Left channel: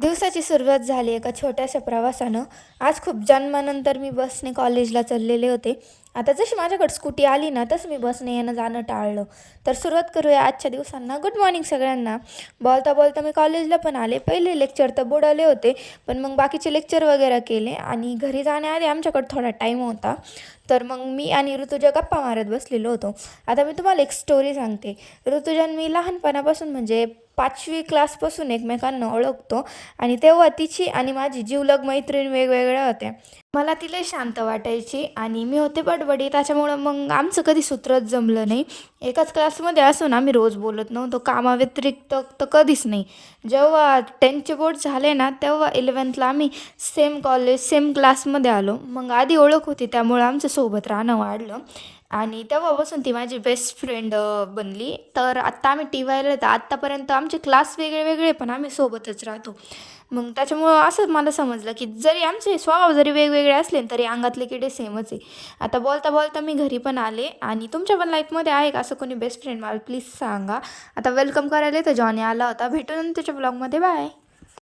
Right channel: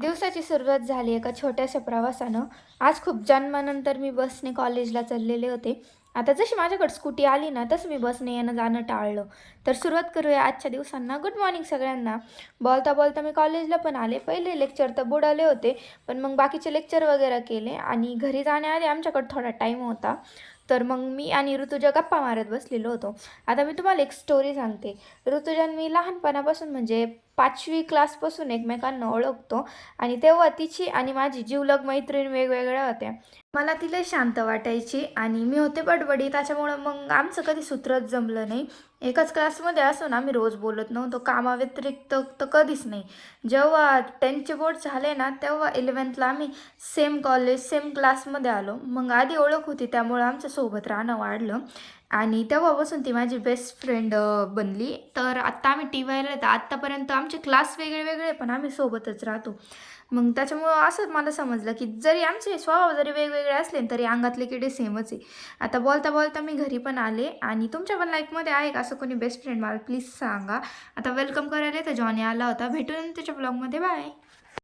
दिवसाची सुरुवात झाली एका छोट्याशा प्रवासानं. आज खूप जन्मानंतर मी बसने कॉलेजला चाललेले होते. आता जशी माझ्याकडे स्कूटी आली ना, तसं मी बसने येणं-जाणं टाळलं. तर सुरुवात करूया आजच्या दिवसांना. गुड मॉर्निंग सगळ्यांना. बोलता-बोलता मी कॉलेजला पण आले. पहिले लेक्चर तर बुडाले होते, पण मग बाकीचे लेक्चर वगैरे केले आणि घरी जाण्याआधी आमच्याकडे थोडा टाईम होता. तर मग मी आणि ऋतुजा गप्पा मारत बसलेलो होतो. आता मी तुम्हाला एक स्टोरी सांगते. ऋतुजा आणि मी लहानपणापासून म्हणजे 5वी क्लासपासून एकमेकांना ओळखतो आणि तेव्हा तिची आणि माझी जिवलग मैत्रीण वेगवेगळ्या होत्या. मला ती लई शांत वाटायची आणि मी होते बडबडी, त्याच्यामुळं मग आमचं कधी सूत्रच जमलं नाही. एकाच क्लासमध्ये असून आम्ही रोज बोलत नव्हतो. कामाव्यतिरिक्त तर कधीच नाही. जेव्हा 10चे बोर्ड झाले ना, तेव्हा 11थला आम्ही सेम कॉलेज, सेम क्लासमध्ये आलो. मग आधी ओळख होती त्यामुळं आमचं सोबत राहणं वाढलं आणि तेव्हापासून ती माझी बेस्ट फ्रेंड बनली. तर आत्ता आम्ही टी-वायला तर आत्तापर्यंत आमचे क्लास वेगळे वेगळे पण आम्ही सोबतच राहतो. मग त्याच्यामुळं असं मला समजलं, की जरी आमचे स्वभाव जरी वेगवेगळे असले तरी अंगातले किडे सेमच आहे. आता बोलता बोलता मी घरी पण आले आणि तुमच्या पण लाईफमध्ये आहे का असं कोणी बेस्ट फ्रेंड? मला प्लीज सांगा. आता वेलकम करायला तर जॉनी आला होता. भेटू नंतरच्या ब्लॉगमध्ये. बाय.